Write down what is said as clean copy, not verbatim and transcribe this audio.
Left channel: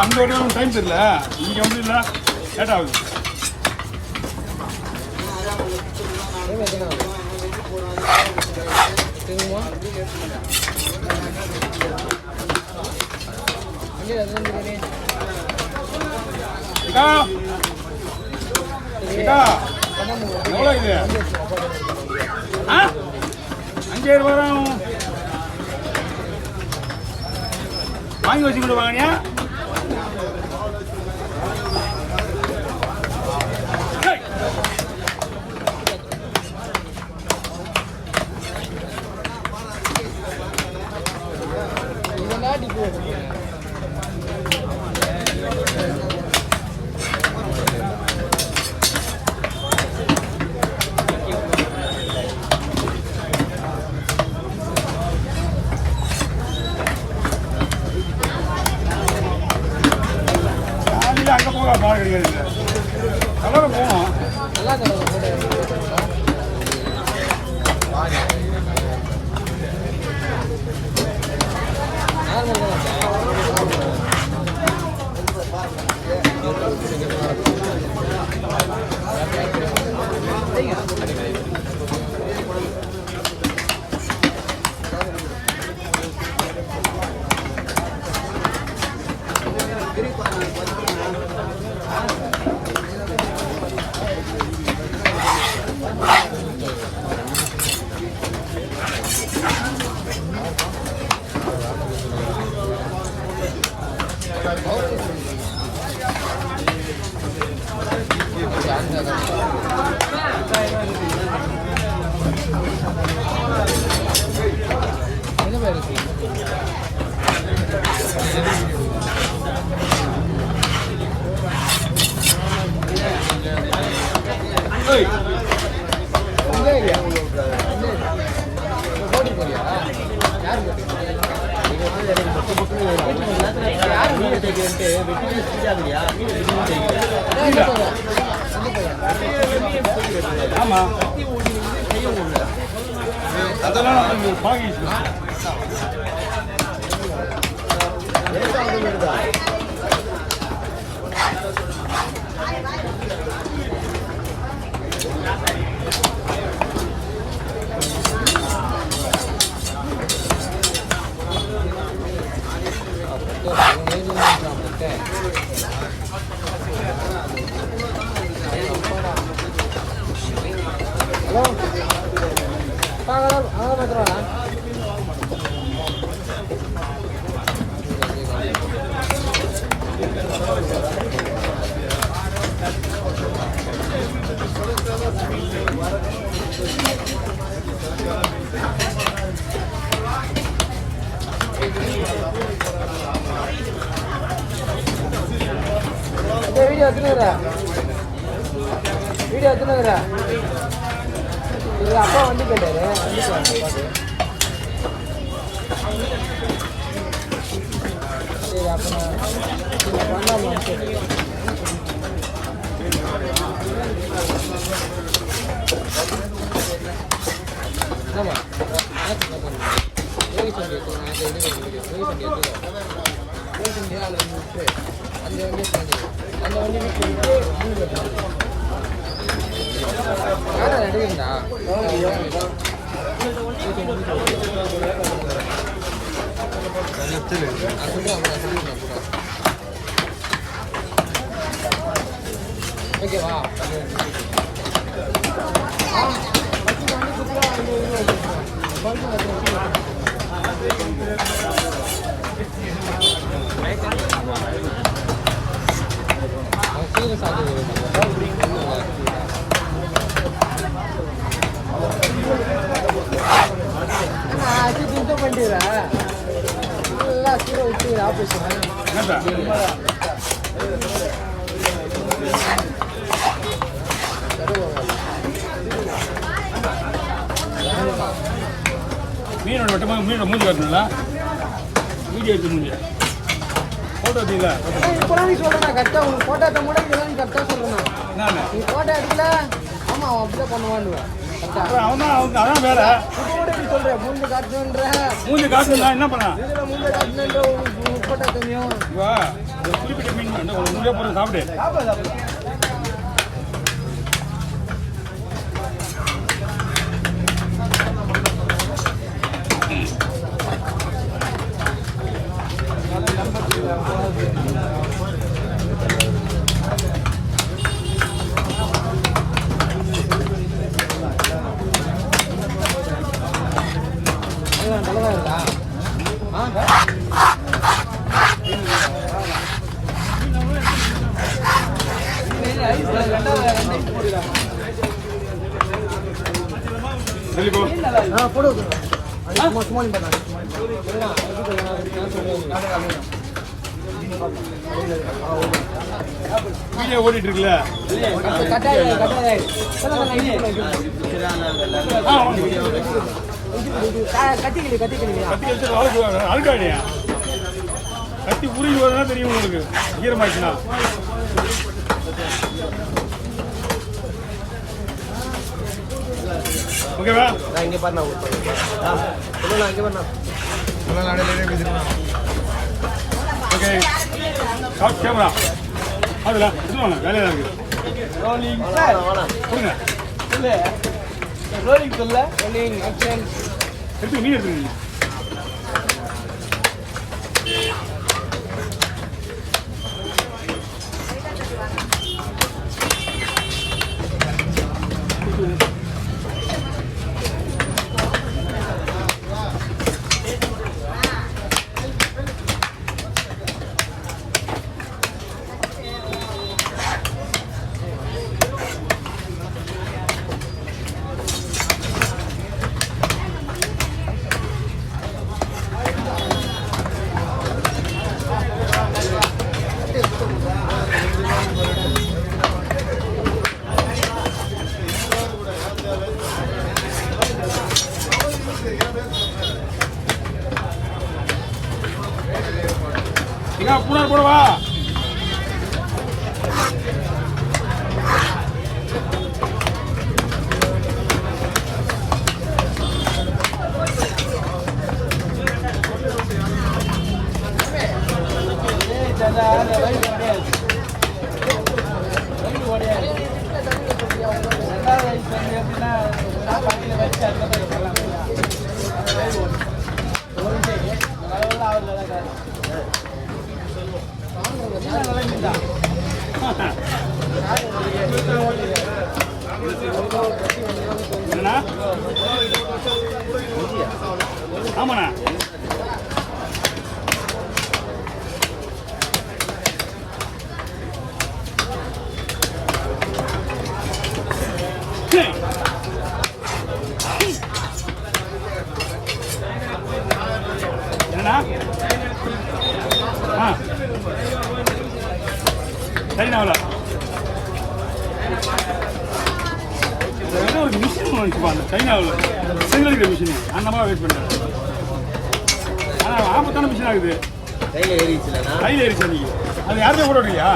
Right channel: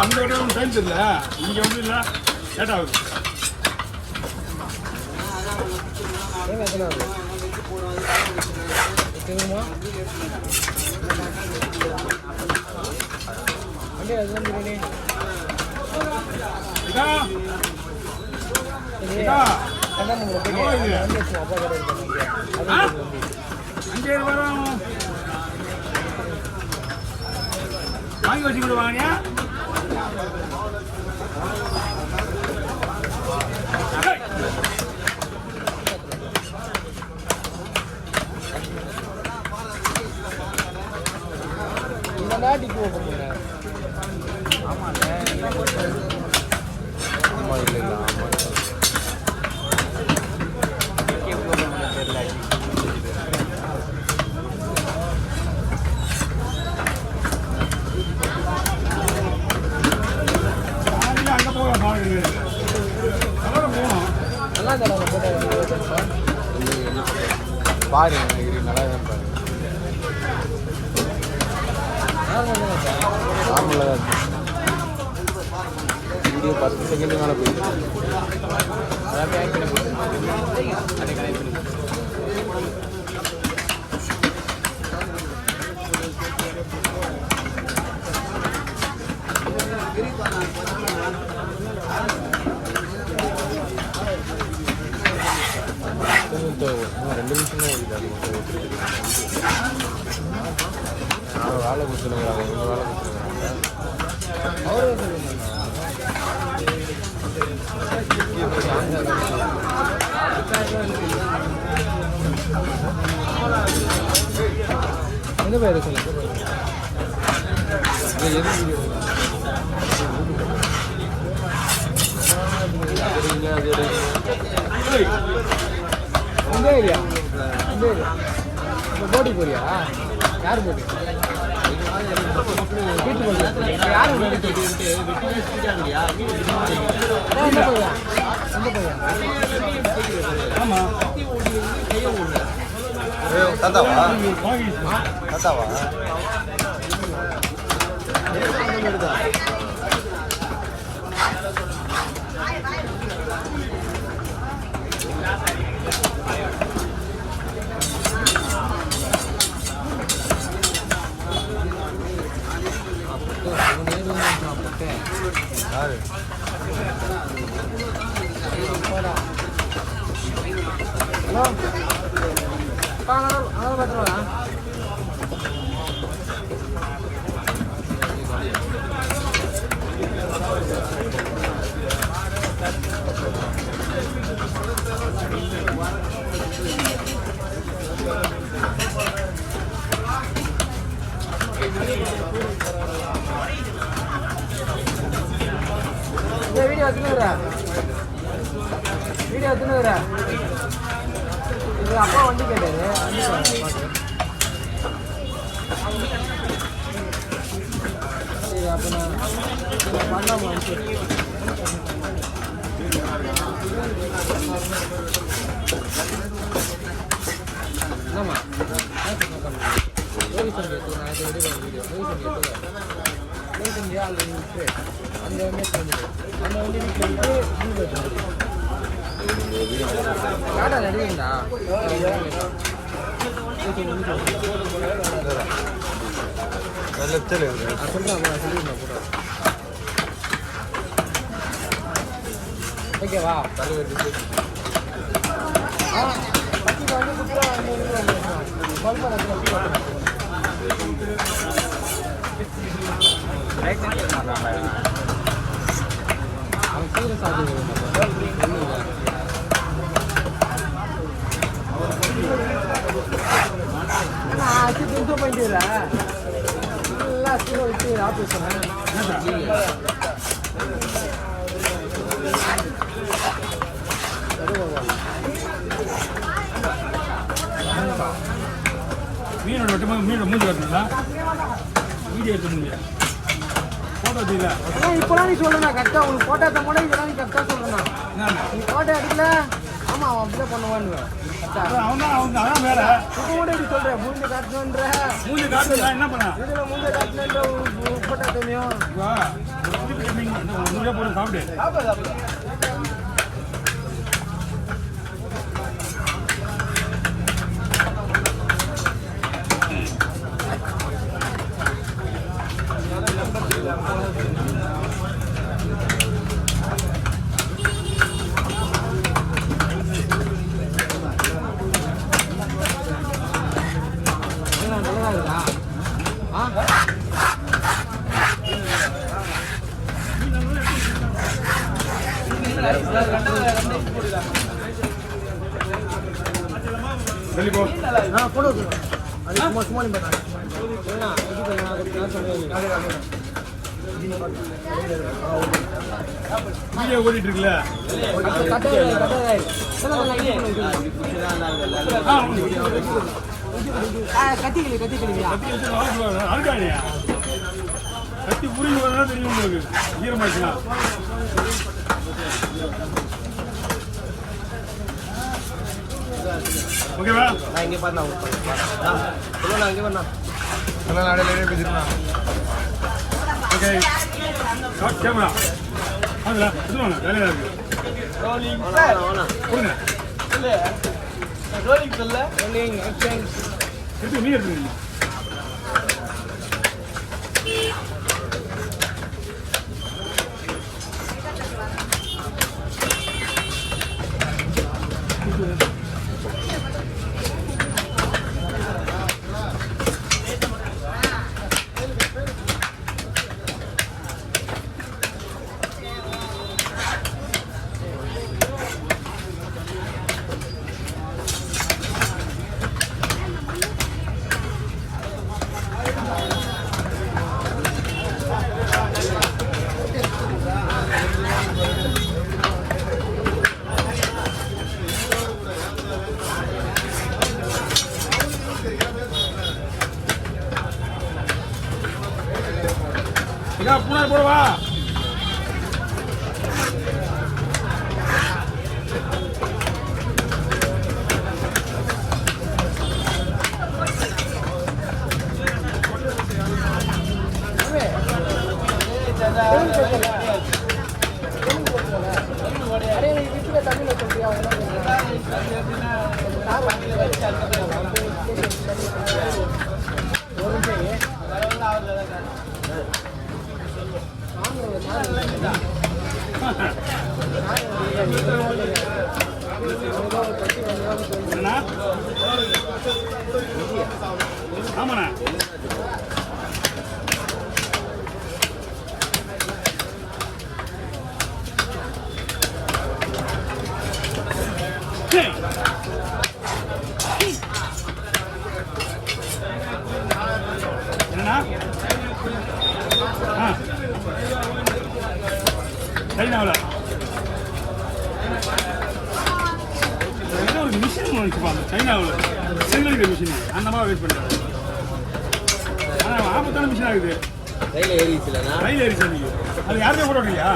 அந்த வரையும் டைம் தெரியல, இங்கே வந்து இல்லை லேட் ஆகுது. எவ்வளோ இது? 5000 ரூபாய் வாங்கி வச்சுக்கிட்டு வாங்க. அங்கே போக பாருங்க, கலரை போகணும். ஆமா வீடியோ எடுத்துக்கிறேன். இது அப்பா வந்து கேட்டாரு. ஓகேவா? மீனோட வெட்டமாக மீனோட மூஞ்சி வரணும்ல, வீடியோ எடுக்க முடியும், ஃபோட்டோ எடுத்துல அப்புறம் அவன் தான் அவங்க அதான் வேற மூஞ்சி காட்டணும்னா என்ன பண்ண ஒரு குறிப்பிட்ட மீன் என்ன ஒரு 100 ரூபா போட்டு சாப்பிடு. வெளியே போ. வீடியோ ஓடிட்டு இருக்குல்ல. அழுக்காடியா கத்தி உருகி வரணும் தெரியும் உங்களுக்கு. ஈரமாச்சுன்னா ஓகேவா? இங்கே பாருண்ணா ஓகே ஷார்ட் கேமரா அதுல இதுவாண்ணா வேலையாக இருக்கு. கொடுங்க எடுத்து நீ எடுத்துங்க. பூனா போடவா? ஆமாண்ணா என்னண்ணா சைனாவில் ஏதோ ஒரு மிஷின் வந்துச்சுப்பா அந்த சைனாவில் செங்கடிக்கிற மிஷின் அந்த மாதிரி வெயிட் பண்ணுறாங்க. ஆனால் ஆபத்தான மிஷின் ஆகுது. கையில் ஏறிச்சு நீங்கள் அது யாருமே போட விடுறியா?